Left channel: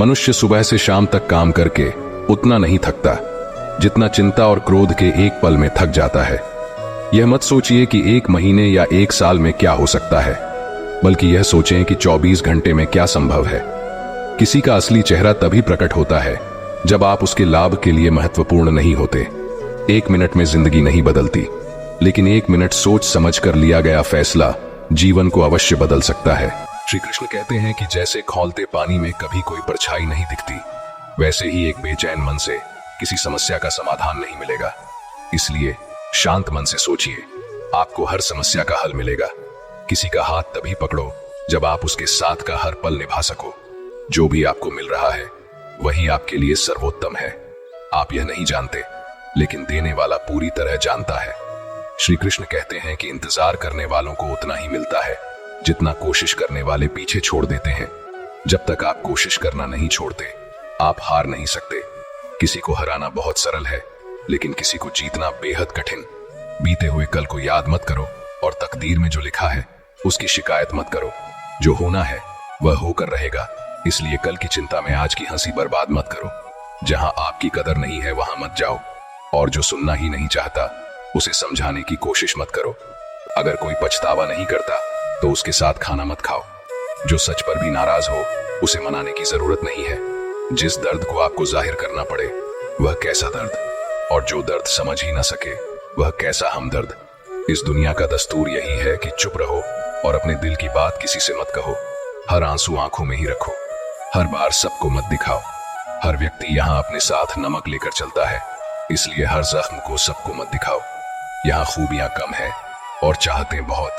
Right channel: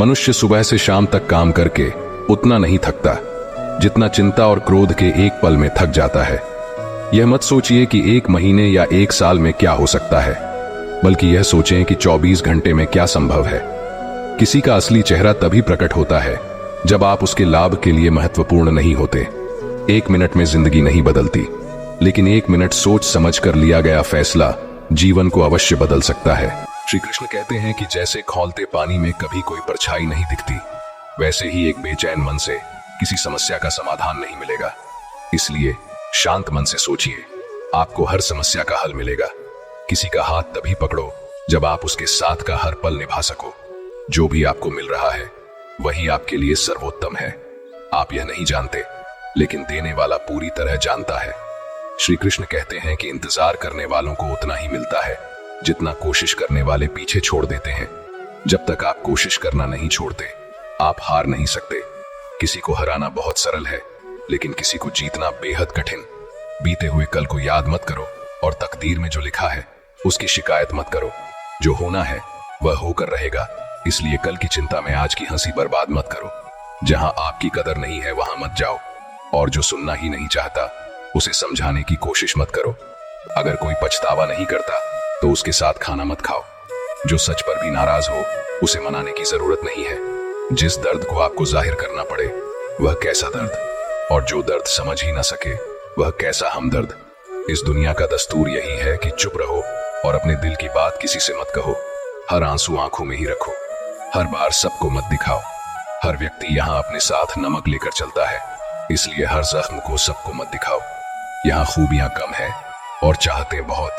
मनुष्य सुबह से शाम तक काम करके उतना नहीं थकता जितना चिंता और क्रोध के एक पल में थक जाता है। यह मत सोचिए कि 1 महीने या 1 साल में क्या हो सकता है, बल्कि यह सोचें कि 24 घंटे में क्या संभव है। किसी का असली चेहरा तभी प्रकट होता है जब आप उसके लाभ के लिए महत्वपूर्ण नहीं होते। 1 मिनट में जिंदगी नहीं बदलती, लेकिन 1 मिनट सोच समझ कर लिया गया फैसला जीवन को अवश्य बदल सकता है। श्री कृष्ण कहते हैं कि जैसे खौलते पानी में कभी कोई परछाई नहीं दिखती, वैसे ही एक बेचैन मन से किसी समस्या का समाधान नहीं मिलेगा। इसलिए शांत मन से सोचिए, आपको हर समस्या का हल मिलेगा। किसी का हाथ तभी पकड़ो जब आप उसके साथ का हर पल निभा सको। जो भी आपको मिल रहा है वही आपके लिए सर्वोत्तम है। आप यह नहीं जानते, लेकिन देने वाला पूरी तरह जानता है। श्री कृष्ण कहते हैं कि इंतजार करने वालों को उतना ही मिलता है जितना कोशिश करने वाले पीछे छोड़ देते हैं। जब तक आप कोशिश करना नहीं छोड़ते, आप हार नहीं सकते। किसी को हराना बहुत सरल है, लेकिन किसी को जीतना बेहद कठिन। बीते हुए कल को याद मत करो और तकदीर में जो लिखा है उसकी शिकायत मत करो। जो होना है वह होकर रहेगा, इसलिए कल की चिंता में आज की हंसी बर्बाद मत करो। जहां आपकी कदर नहीं है वहां मत जाओ, और जो सुनना ही नहीं चाहता उसे समझाने की कोशिश मत करो। अगर कोई पछतावा नहीं करता तो उसके साथ खाना मत खाओ। जो सच पर भी नाराज हो उसे मनाने की जरूरत नहीं है। जिस दर्द को आपको जाहिर करना पड़े वह कैसा दर्द, और जो दर्द समझ ही ना सके वह कैसा हमदर्द। इस दुनिया का दस्तूर यही है कि चुप रहो और अपने दिल की बात किसी से मत कहो। हर आंसू आंखों में ही रखो, हर बार सबको मत दिखाओ। हर व्यक्ति यहाँ अपने साथ नमक लेकर चलता है, इसलिए हर जख्म को सबको मत दिखाओ। यहाँ खूबियां कम है और चाहते बहुत।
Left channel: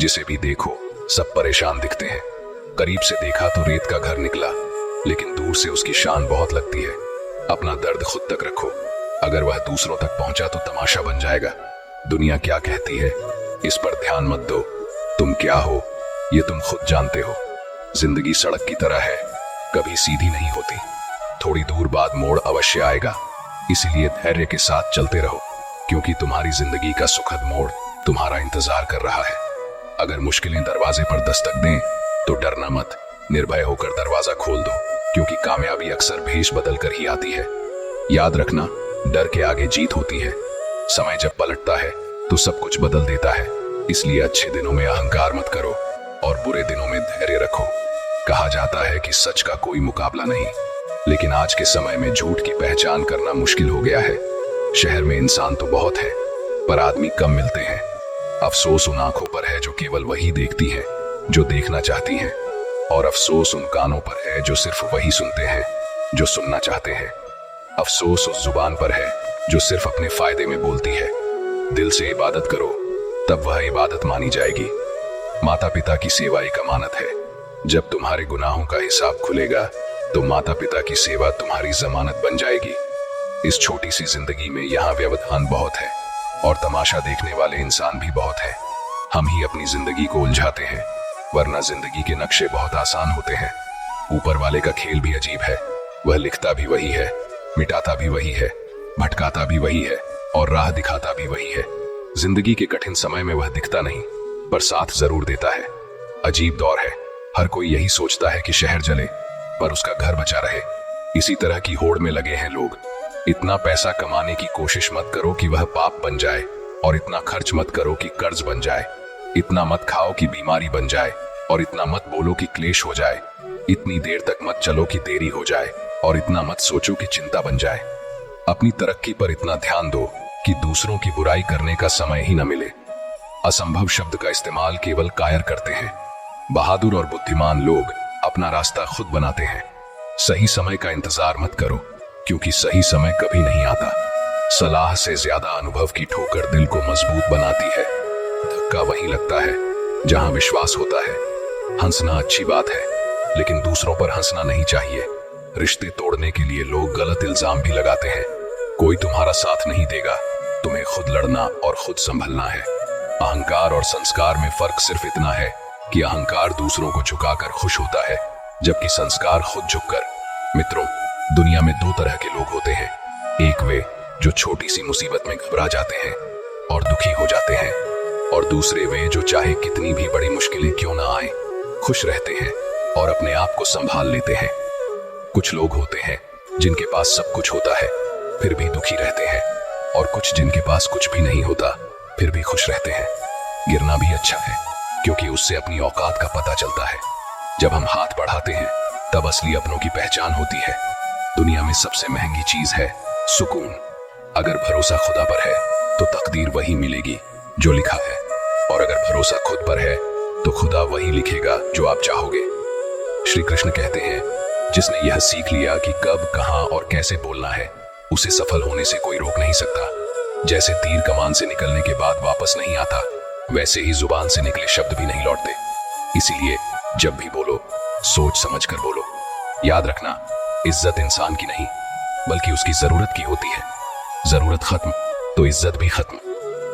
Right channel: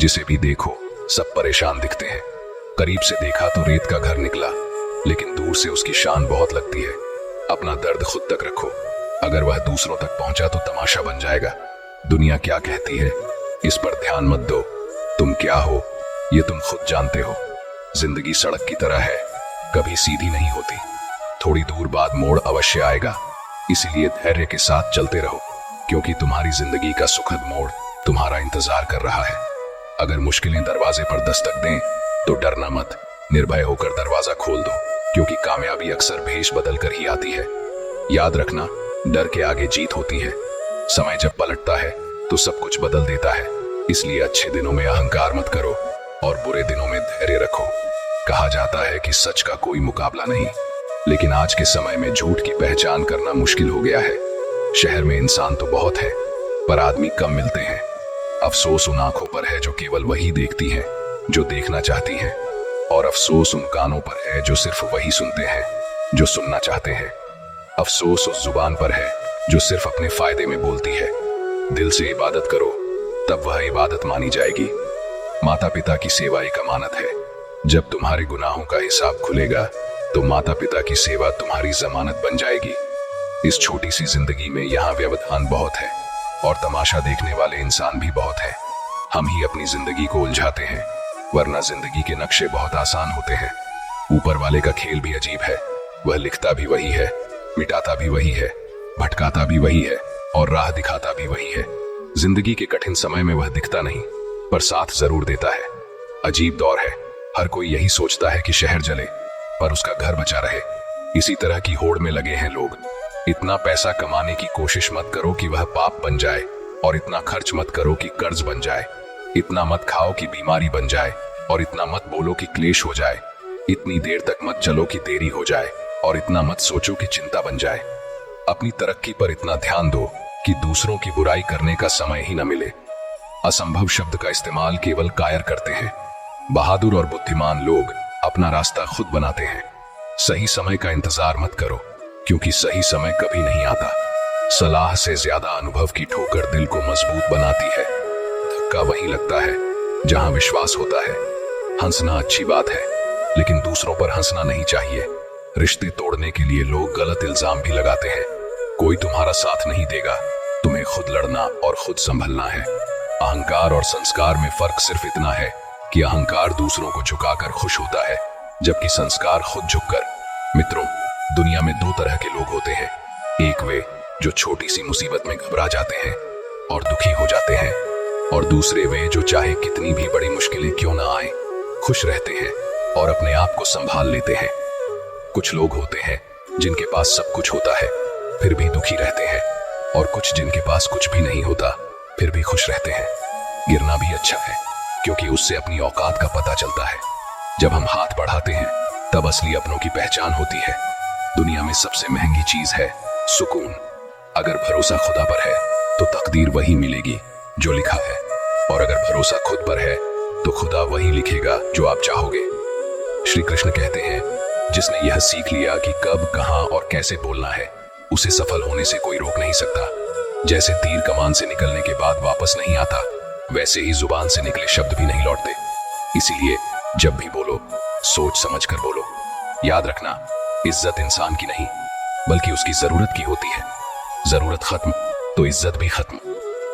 जिसे भी देखो सब परेशान दिखते हैं। करीब से देखा तो रेत का घर निकला, लेकिन दूर से उसकी शान बहुत लगती है। अपना दर्द खुद तक रखो, अगर वह दूसरों तक पहुंचा तो तमाशा बन जाएगा। दुनिया क्या कहती है इस पर ध्यान मत दो। तुम क्या हो ये तुम खुद जानते हो। जिंदगी सड़क की तरह है, कभी सीधी नहीं होती। थोड़ी दूर बाद मोड़ अवश्य आएगा, इसीलिए धैर्य के साथ चलते रहो, क्योंकि तुम्हारी जिंदगी का सुखद मोड़ तुम्हारा इंतजार कर रहा है। अगर मुश्किलें दरवाजे पर दस्तक दें तो डरना मत, निर्भय होकर दरवाजा खोल दो, क्योंकि कामयाबी अक्सर भेष बदल कर ही आती है। याद रखना, डर के आगे जीत होती है। समय जब पलटता है तो सब कुछ बदल देता है, इसलिए अच्छे दिनों में अहंकार मत करो और बुरे दिनों में धैर्य रखो। कहा जाता है कि सच का कोई मुकाबला नहीं, लेकिन आज के समय में झूठ की पहचान करना मुश्किल हो गया है। शहर में इंसान तो बहुत है, पर आदमी कम मिलते हैं। अफसोस उन आंखों पर है जो केवल वही देखती है जो देखना चाहती हैं, और अफसोस उन कानों पर है जो सिर्फ वही सुनते हैं जो सुनना चाहते हैं। अफसोस उस जुबान पर है जो सिर्फ अपने फायदे में बोलती है। दिल से इबादत करो, तब वह इबादत मानी जाएगी। माता पिता की सेवा एक अमानत है। जब तुम्हारे गुनाहों का हिसाब खुलेगा तो माता पिता की सेवा तुम्हारी जमानत बन जाएगी। इस छोटी सी जिंदगी में यहाँ व्यवधान बहुत है और तमाशा देखने वाले इंसान भी बहुत है। हम ही अपनी जिंदगी को उलझाते हैं, वरना जिंदगी के नक्शे बहुत आसान होते हैं। ऊपर वाले का खेल भी अजीब है, वह लिखता भी वही है, मिटाता भी वही है, भटकाता भी वही है और राह दिखाता भी वही है। जिंदगी के कठिन समय में वह दिखता नहीं, पर साथ जरूर देता है। अजीब दौर है, हर कोई यही सोचता है कि शहर जले पर उसका घर बचा रहे। इसी तरह की होड़ में लगे हैं लोग। इतना पैसा कमाने की कोशिश मत करो कि वह पाप बन जाए, और इतना खर्च मत करो कि कर्ज बन जाए। इतना मत खाओ कि बीमारी बन जाए, और इतना मत बोलो कि क्लेश हो जाए। इतनी देर तक मत चलो कि देरी हो जाए, और इतना मत सोचो कि चिंता बन जाए। अपनी तरक्की पर इतना ध्यान दो कि दूसरों की बुराई करने का समय ही न मिले। असंभव शब्द का इस्तेमाल केवल कायर करते हैं। बहादुर और बुद्धिमान लोग अपना रास्ता खुद बनाते हैं। सही समय का इंतजार मत करो, क्योंकि सही समय कभी नहीं आता। सलाह से ज्यादा अनुभव की ठोकर दिल को मजबूत बनाती है। धक्का वही लगता है जहां विश्वास होता है। हंसना अच्छी बात है, लेकिन दूसरों पर हंसना नहीं चाहिए। रिश्ते तोड़ने के लिए लोग गलत इल्जाम भी लगाते हैं। कोई तुम्हारा साथ नहीं देगा, तुम्हें खुद लड़ना और खुद संभलना है। अहंकार और संस्कार में फर्क सिर्फ इतना है कि अहंकार दूसरों को झुकाकर खुश होता है, जबकि संस्कार खुद झुककर। मित्रों, दुनिया में 2 तरह के लोग होते हैं। एक वे जो छोटी सी मुसीबत में घबरा जाते हैं और दुखी हो जाते हैं, और दूसरे वे जो चाहे कितनी भी बड़ी मुश्किलें क्यों ना आए, खुश रहते हैं और अपने आप को संभाल लेते हैं। कुछ लोग होते हैं जिनके पास सब कुछ होता है फिर भी दुखी रहते हैं, और कुछ जिनके पास कुछ भी नहीं होता फिर भी खुश रहते हैं। गिरना भी अच्छा है क्योंकि उससे अपनी औकात का पता चलता है। जब हम हाथ बढ़ाते हैं तब असली अपनों की पहचान होती है। दुनिया में सबसे महंगी चीज है सुकून। अगर भरोसा खुदा पर है तो तकदीर वही मिलेगी जो लिखा है, और अगर भरोसा खुद पर है तो खुदा वही लिखेगा जो आप चाहोगे। श्री कृष्ण कहते हैं, जिसने यह सीख लिया कि कब, कहां और कैसे बोलना है, उसे सफल होने से कोई रोक नहीं सकता। जैसे तीर कमान से निकलने के बाद वापस नहीं आता, वैसे ही जुबान से निकले शब्द भी नहीं लौटते। इसीलिए जब भी बोलो सोच समझ कर बोलो। याद रखना, इज्जत इंसान की नहीं बल्कि उसकी जरूरत की होती है। जरूरत खत्म तो इज्जत भी खत्म।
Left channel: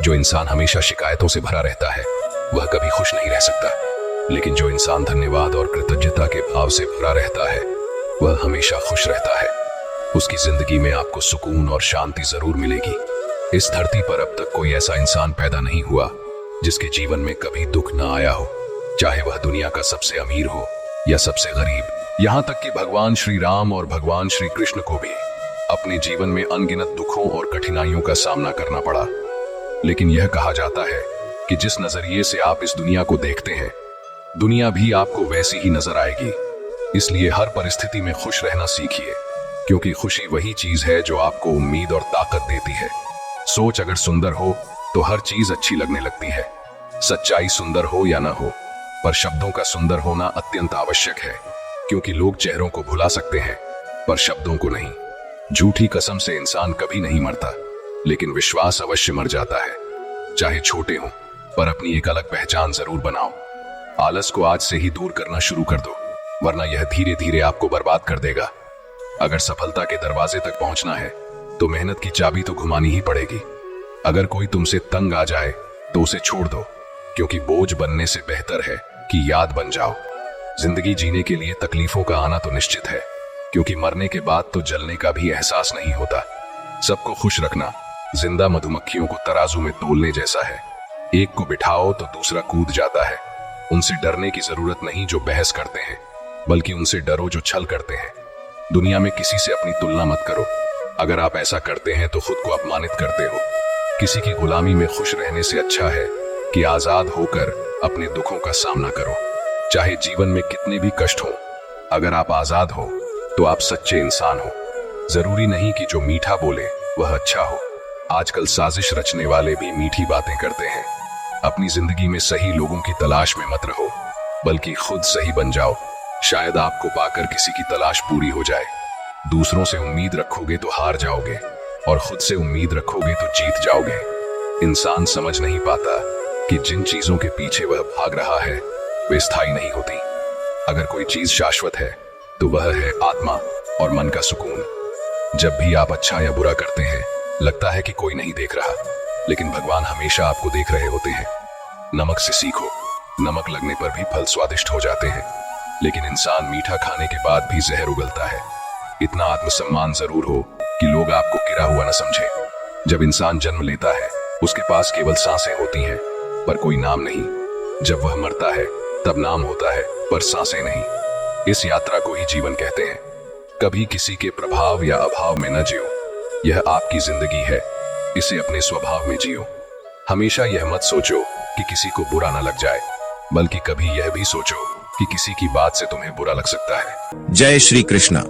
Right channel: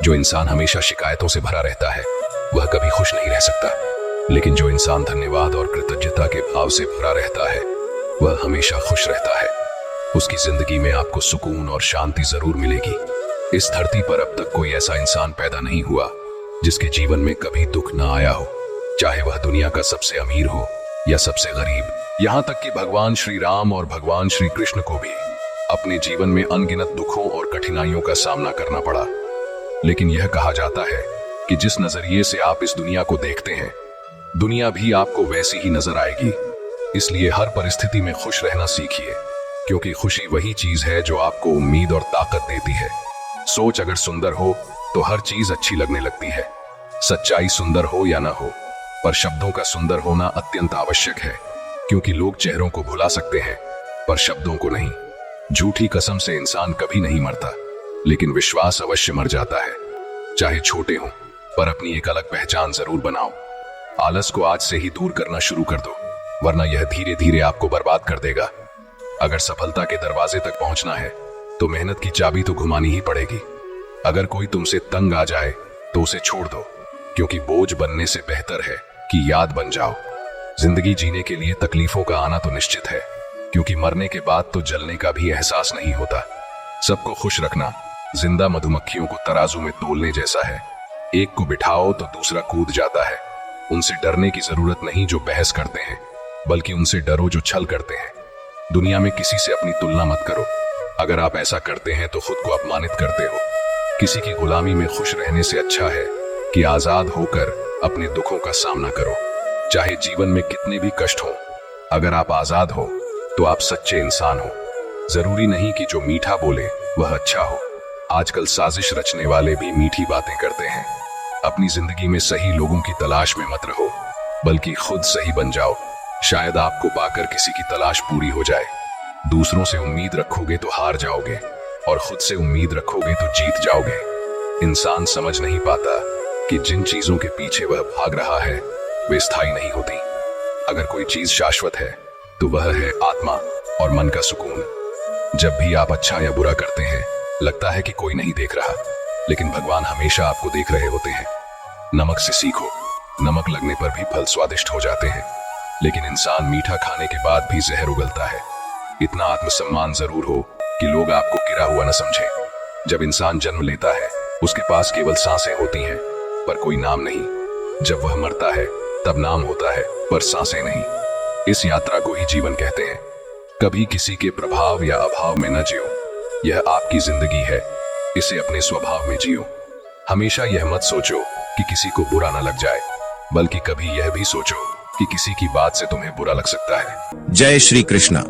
जो इंसान हमेशा शिकायतों से भरा रहता है वह कभी खुश नहीं रह सकता, लेकिन जो इंसान धन्यवाद और कृतज्ञता के भाव से भरा रहता है वह हमेशा खुश रहता है। उसकी जिंदगी में आपको सुकून और शांति जरूर मिलेगी। इस धरती पर अब तक कोई ऐसा इंसान पैदा नहीं हुआ जिसके जीवन में कभी दुख ना आया हो, चाहे वह दुनिया का सबसे अमीर हो या सबसे गरीब। यहाँ तक कि भगवान श्री राम और भगवान श्री कृष्ण को भी अपने जीवन में अनगिनत दुखों और कठिनाइयों का सामना करना पड़ा। लेकिन यह कहा जाता है कि जिस नजरिए से आप इस दुनिया को देखते हैं, दुनिया भी आपको वैसी ही नजर आएगी। इसलिए हर परिस्थिति में खुश रहना सीखिए, क्योंकि खुशी वही चीज है जो आपको उम्मीद और ताकत देती है। सोच अगर सुंदर हो तो हर चीज अच्छी लगने लगती है। सच्चाई सुंदर हो या ना हो, पर शब्दों का सुंदर होना अत्यंत आवश्यक है, क्योंकि लोग चेहरों को भुला सकते हैं पर शब्दों को नहीं। झूठी कसम से इंसान कभी नहीं मरता, लेकिन विश्वास अवश्य मर जाता है। चाहे छोटे हो पर अपनी एक अलग पहचान जरूर बनाओ। आलस को आज से ही दूर करना शुरू कर दो, वरना यह धीरे धीरे आपको बर्बाद कर देगा। अगर सफलता के दरवाजे तक पहुंचना है तो मेहनत की चाबी तो घुमानी ही पड़ेगी। अगर कोई तुमसे तंग आ जाए तो उसे छोड़ दो, क्योंकि बोझ बनने से बेहतर है कि याद बन जाओ। जिंदगी जीने के लिए तकलीफों का आना तो निश्चित है, क्योंकि मरने के बाद तो जलने का भी एहसास नहीं होता। सबको खुश रखना जिंदा मधुमक्खियों को तराजू में तोलने जैसा है। एक को बिठाओ तो दूसरा कूद जाता है। उनसे डरने की जरूरत नहीं जो बहस करते हैं, बल्कि उनसे डरो जो छल करते हैं। दुनिया में किसी से अपनी तुलना मत करो। अगर आप ऐसा करते हैं तो खुद को अपमानित करते हो। किसी की गुलामी में खुश रहने से अच्छा है कि आजाद होकर अपने दुखों का सामना करो, चाहे जीवन में कितने भी कष्ट हो। अगर आप आजाद हो तो आप सच्चे इंसान हो। जरूरी नहीं कि जो मीठा बोले वह अच्छा हो। आजकल साजिश रचने वाले भी मीठी बातें करते हैं। अपनी जिंदगी में सही लोगों की तलाश में मत रहो, बल्कि खुद सही बन जाओ। शायद आपको पाकर किसी की तलाश पूरी हो जाए। दूसरों से उम्मीद रखोगे तो हार जाओगे, और खुद से उम्मीद रखोगे तो जीत जाओगे। इंसान समझ नहीं पाता कि जिन चीजों के पीछे वह भाग रहा है वे स्थायी नहीं होती। अगर कोई चीज शाश्वत है तो वह है आत्मा और मन का सुकून। जब भी आप अच्छा या बुरा करते हैं लगता है कि कोई नहीं देख रहा, लेकिन भगवान हमेशा आपको देख रहे होते हैं। नमक से सीखो, नमक लगने पर भी फल स्वादिष्ट हो जाते हैं, लेकिन इंसान मीठा खाने के बाद भी जहर उगलता है। इतना आत्मसम्मान जरूर हो कि लोग आपको गिरा हुआ न समझें। जब इंसान जन्म लेता है उसके पास केवल सांसें होती हैं पर कोई नाम नहीं। जब वह मरता है तब नाम होता है पर सांसें नहीं। इस यात्रा को ही जीवन कहते हैं। कभी किसी के प्रभाव या अभाव में न जियो। यह आपकी जिंदगी है, इसे अपने स्वभाव में जियो। हमेशा यह मत सोचो कि किसी को बुरा न लग जाए, बल्कि कभी यह भी सोचो कि किसी की बात से तुम्हें बुरा लग सकता है। जय श्री कृष्णा।